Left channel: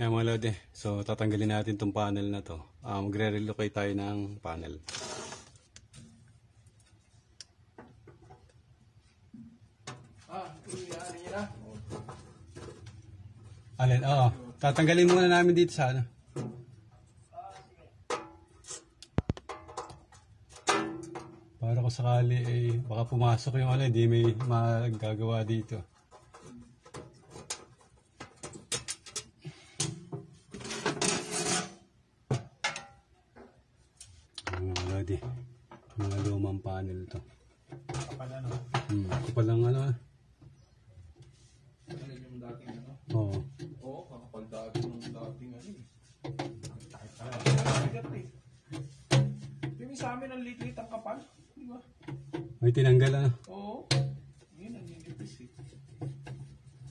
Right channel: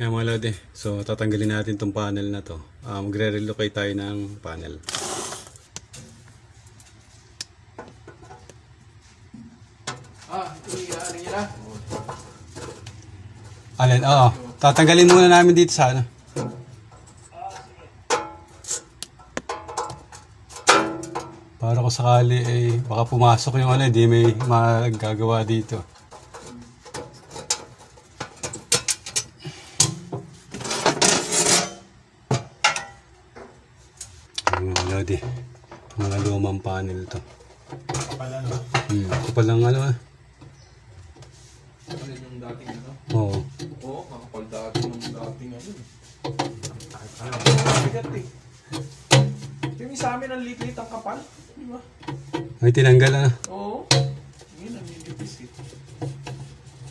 Ayan mga lodi, so tatanggalin natin itong panel na to. Magre-relocate tayo ng panel. Ano yun na? Alin? Oo, tatanggalin muna namin dito sa ano. Para kung sakali baka pumasok yung ano, hindi may magagawa dito. Mga lodi, mga lumang panel to. Kapal ano? Kapal lang ano eh. Kapal yung dating ano? Oo. Oo, kapal dating yung dating ano. Bigat eh. Yung sa amin ang lit-lit ang kapal. Di ba? May tinanggal na. Oo. Yun ang nilipis eh.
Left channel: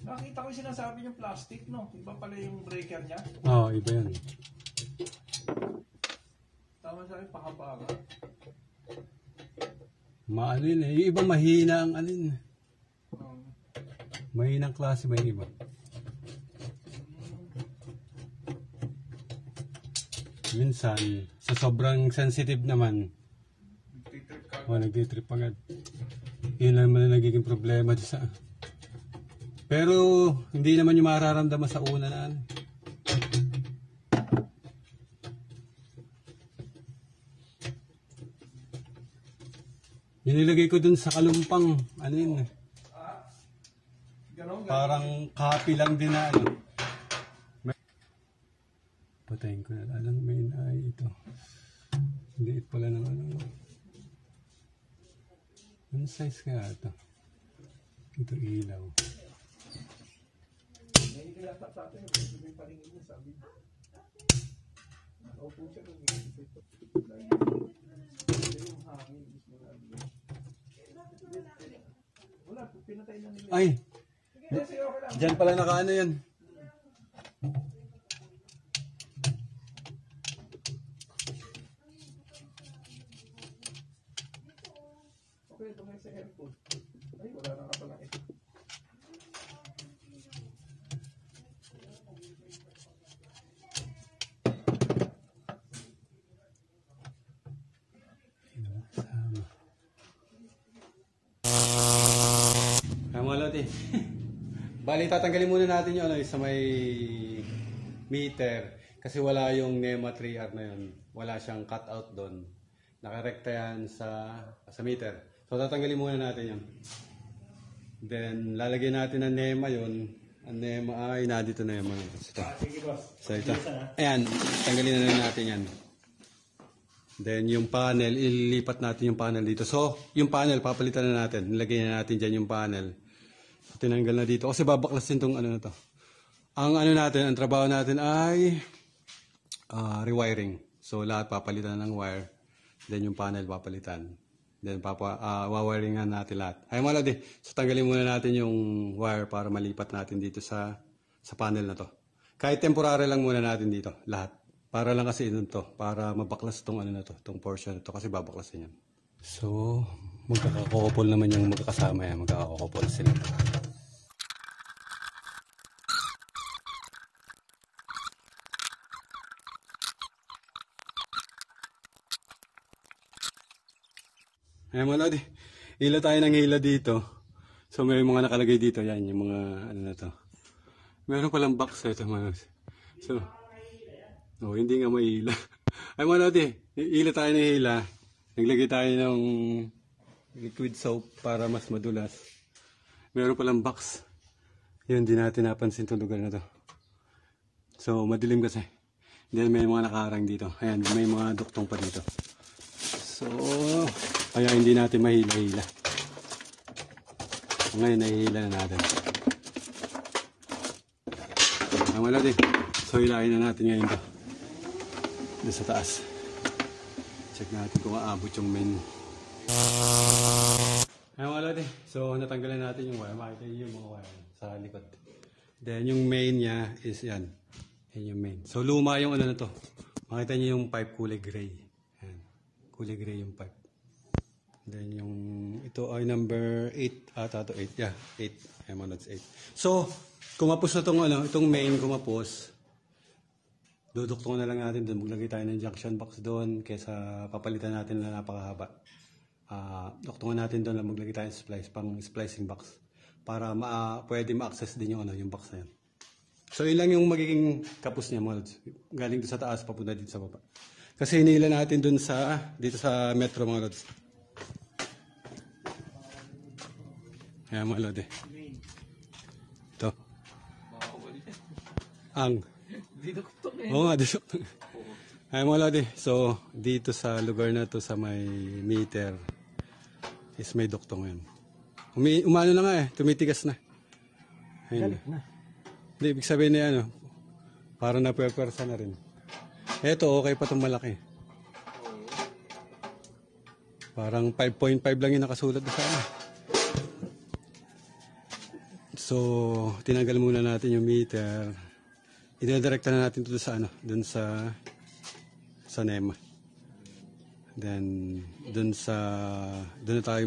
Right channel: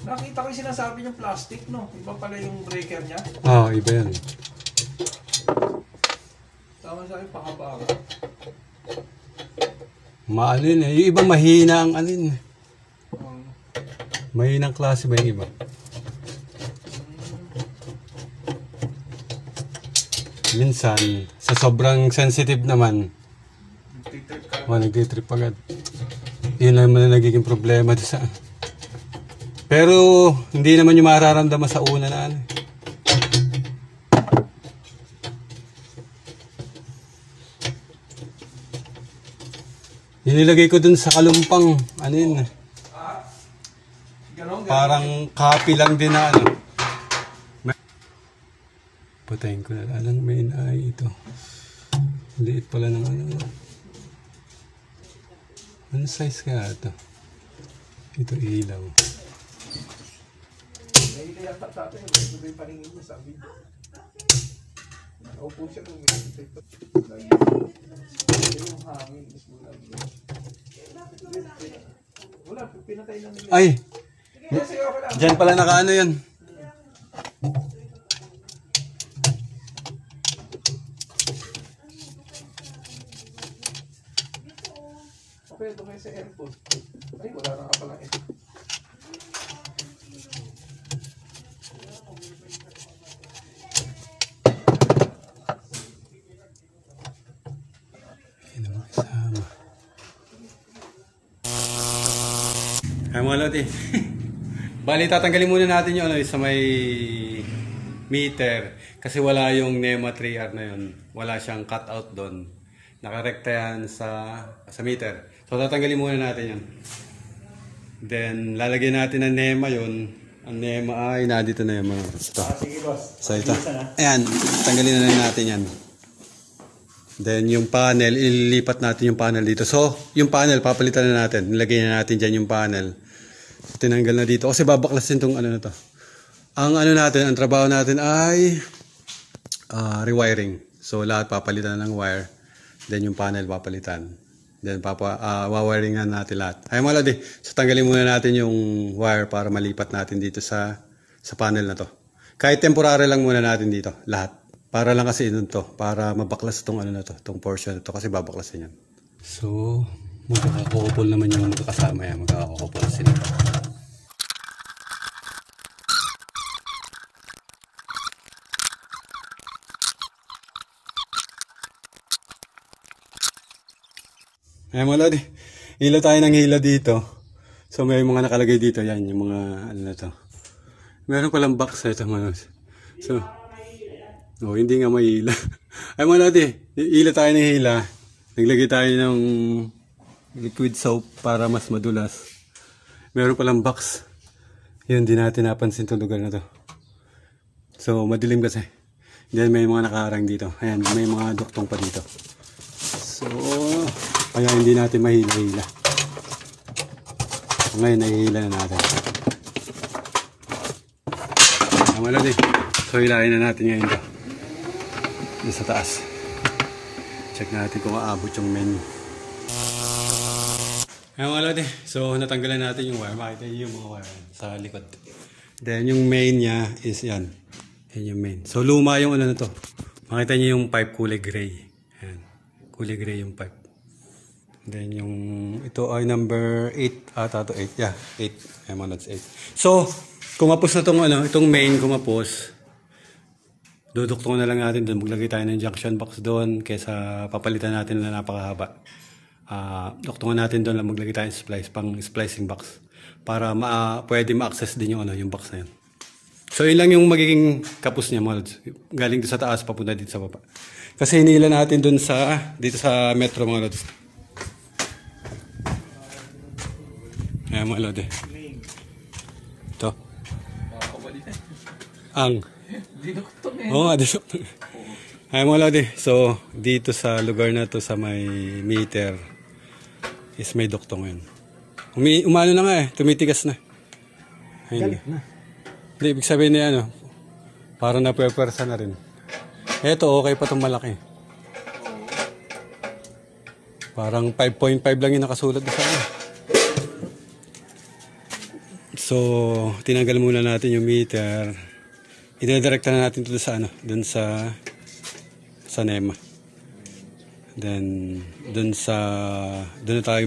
Nakita ko yung sinasabi niyang plastic, no? Iba pala yung breaker niya. Oo, iba yan. Tama sa akin, pakaba ka. Maalin eh. Yung iba mahina ang alin. Mahinang klase ba yung iba? Minsan, sa sobrang sensitive naman, nagtitrip agad. Yun lang naman nagiging problema sa. Pero, hindi naman yung mararamdaman sa una na ano. Inilagay ko dun sa kalumpang, ano yun. Parang copy lang din na ano. Patayin ko na lang main eye ito. Liit pala ng ano. Ano size kaya ito? Ito ilaw. May kaya sa atin, may paningin niya sabi. Nakaupo siya kung may detector. Yung hangin mismo lang. Wala, pinatay na nila. Ay! Diyan pala nakaano yan. Okay, ito kayo sa airport. Ay, wala na ka pala eh. Ay naman kasama. Ay mga lodi. Bali, tatanggalin muna natin yung ano, sa may meter. Kasi wala yung NEMA 3R na yun. Wala siyang cutout doon. Nakarekta yan sa meter. So, tatanggalin muna natin yan. Then, lalagyan natin ng NEMA yun. Ang NEMA ay, nandito na yung mga ito. Sige boss. So, ito. Ayan, tanggalin na lang natin yan. Then, yung panel, ililipat natin yung panel dito. So, yung panel, papalitan na natin. Nilagay na natin dyan yung panel. Tinanggal na dito. Kasi babaklasin itong ano na to. Ang ano natin, ang trabaho natin ay rewiring. So, lahat papalitan na ng wire. Then, yung panel papalitan. Then, wawiringan natin lahat. Ay mga lodi, so tanggalin muna natin yung wire para malipat natin dito sa panel na to. Kahit temporary lang muna natin dito, lahat. Para lang kasi yun to, para mabaklas itong ano na to, itong portion na to, kasi babaklasin yan. So, magkakakopol naman yung magkakasama yan, magkakakopol sila. Ay mga lodi, hilo tayo ng hilo dito. So may mga nakalagay dito, yan yung mga ano na to. Meron palang box na ito mga lodi. So, hindi nga may hila. Ay mga lodi, hilo tayo ng hila. Naglagay tayo ng liquid soap para mas madulas. Meron palang box. Yun, di natin napansin itong lugar na to. So madilim kasi. Then may mga nakaharang dito. Ayan, may mga duktong pa dito. So, kaya hindi natin mahila-hila. Ngayon, nahihila na natin. Tama lang din. So, hilahin na natin ngayon ito. Dito sa taas. Check natin kung aabot yung main. Ayan mga lodi. So, natanggalan natin yung wire. Makita nyo yung mga wire sa likod. Then, yung main niya is yan. Yan yung main. So, luma yung ano na to. Makita nyo yung pipe kulay gray. Ayan. Kulay gray yung pipe. Then yung ito ay number 8 ata to 8. Yeah, 8. Ay mga lods 8. So, kumapos na tong ano, itong main kumapos. Duduktungan na lang natin doon. Maglagay tayo ng junction box doon kaysa papalitan natin na napakahaba. Duktungan natin doon lang maglagay tayo ng pang splicing box para pwede ma-access din yung, yung box na yun. So yun lang yung magiging kapos niya, mga lods. Galing doon sa taas papunta dito sa baba. Kasi hinila natin doon dito sa metro, mga lods. Ayan mga lods eh. Ito. Ang. Oo, dinuktungan. Ayan mga lods eh. So dito sa lugar na to sa may meter is may duktong yun. Umano na nga eh. Tumitigas na. Ayun. Hindi, ibig sabihin na parang napwersa na rin. Eto, okay pa itong malaki. Parang 5.5 lang yung nakasulat sa akin. So, tinanggal muna natin yung meter. Idedirekta na natin ito sa dun sa NEMA. Then, dun na tayo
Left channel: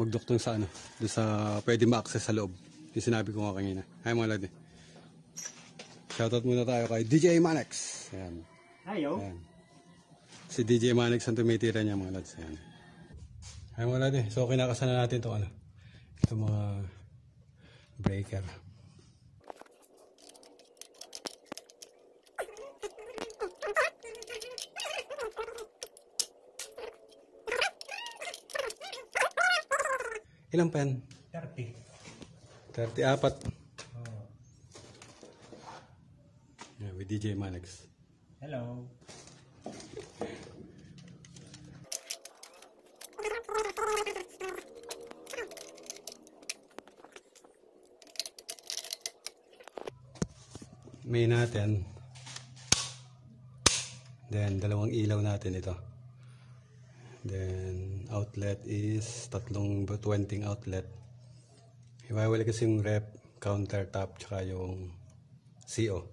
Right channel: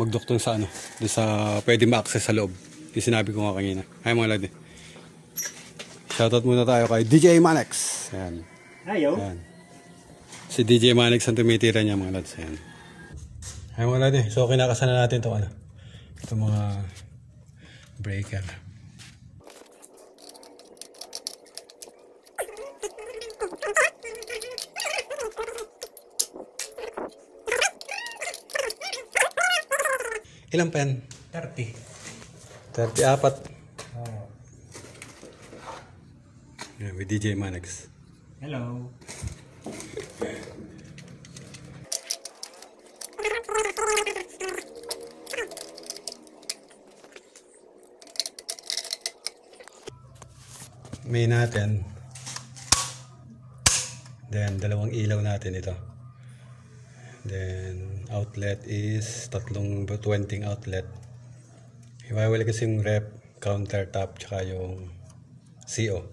magduktong sa dun sa pwede ma-access sa loob. Yung sinabi ko nga kanina. Ay mga lodi. Shoutout muna tayo kay DJ Manex. Ayan. Ayo. Ayan. Si DJ Manex ang tumitira niya mga lods. Ayan. Ay mga lodi. So kinakasana natin ito itong mga breaker. Ilang pen? 30. 34. Yeah, with DJ Manex. Hello. May natin. Then, dalawang ilaw natin ito. Then, outlet is 20 outlet. Hiwalay kasi yung rep, countertop, tsaka yung CO.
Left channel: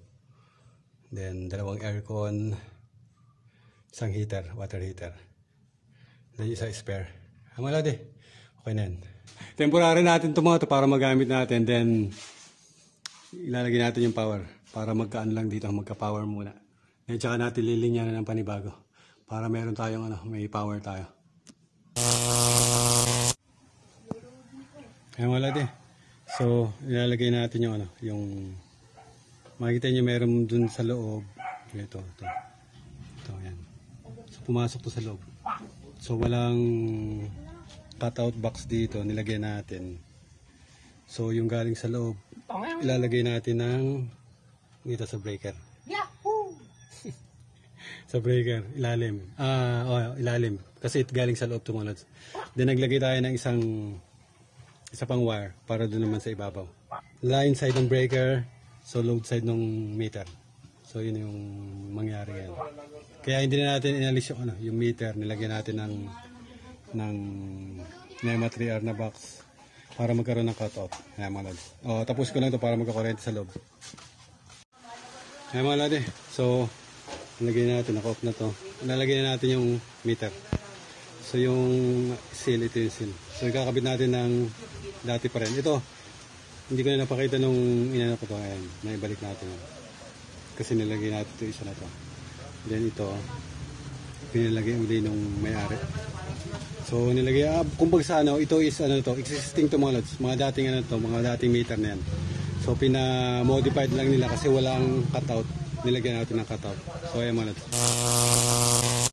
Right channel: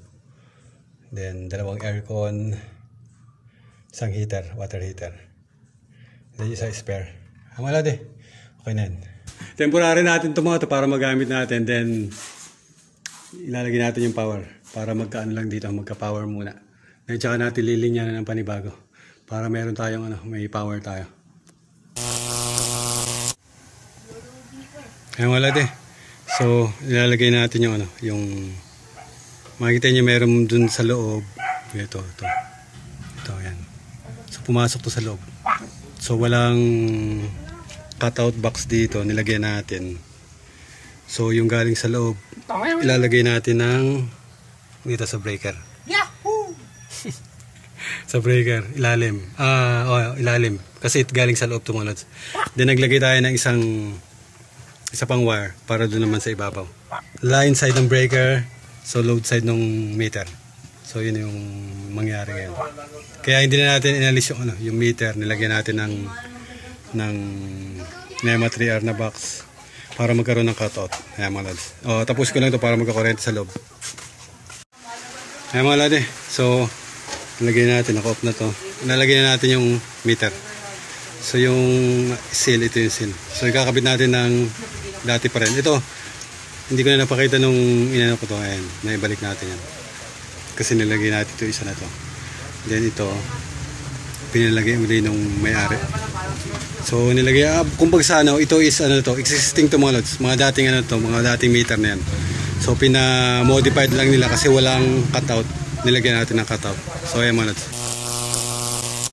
Then, dalawang aircon, isang heater, water heater. Then, isa spare. Ang wala di. Okay na yan. Temporary natin ito mga ito para magamit natin. Then, ilalagay natin yung power. Para magkaano lang dito, magka-power muna. Then, tsaka natin lilinya na ng panibago. Para meron tayong may power tayo. Ayan wala di. So, ilalagay natin yung yung makikita nyo meron dun sa loob. Ito. Ito, yan. So, pumasok to sa loob. So, walang cutout box dito. Nilagay natin. So, yung galing sa loob, ilalagay natin dito sa breaker. Yahoo! Sa breaker, ilalim. Ilalim. Kasi galing sa loob mga lods. Then, naglagay tayo ng isa pang wire para doon naman sa ibabaw. Line side ng breaker, so load side ng meter. So yun yung mangyari ngayon. Kaya hindi na natin inalis yung meter, nilagyan natin ng NEMA 3R na box para magkaroon ng cutout. Ayan mga lods. Tapos ko lang ito para magkakurente sa loob. Ayan mga lods. So nilagay natin, naka-off na to. Nalagay na natin yung meter. So yung seal, ito yung seal. So ikakabit natin ng dati pa rin. Ito, hindi ko na napakita nung inano ko to. Ayan, naibalik natin yan. Kasi nilagay natin ito, isa na to. Then ito, pinilagay uli nung may-ari. So nilagay, kumbaga sa ito is existing to mga lods. Mga dating mga dating meter na yan. So pina-modified lang nila kasi walang cutout. Nilagyan natin ng cutout. So ayan mga lods.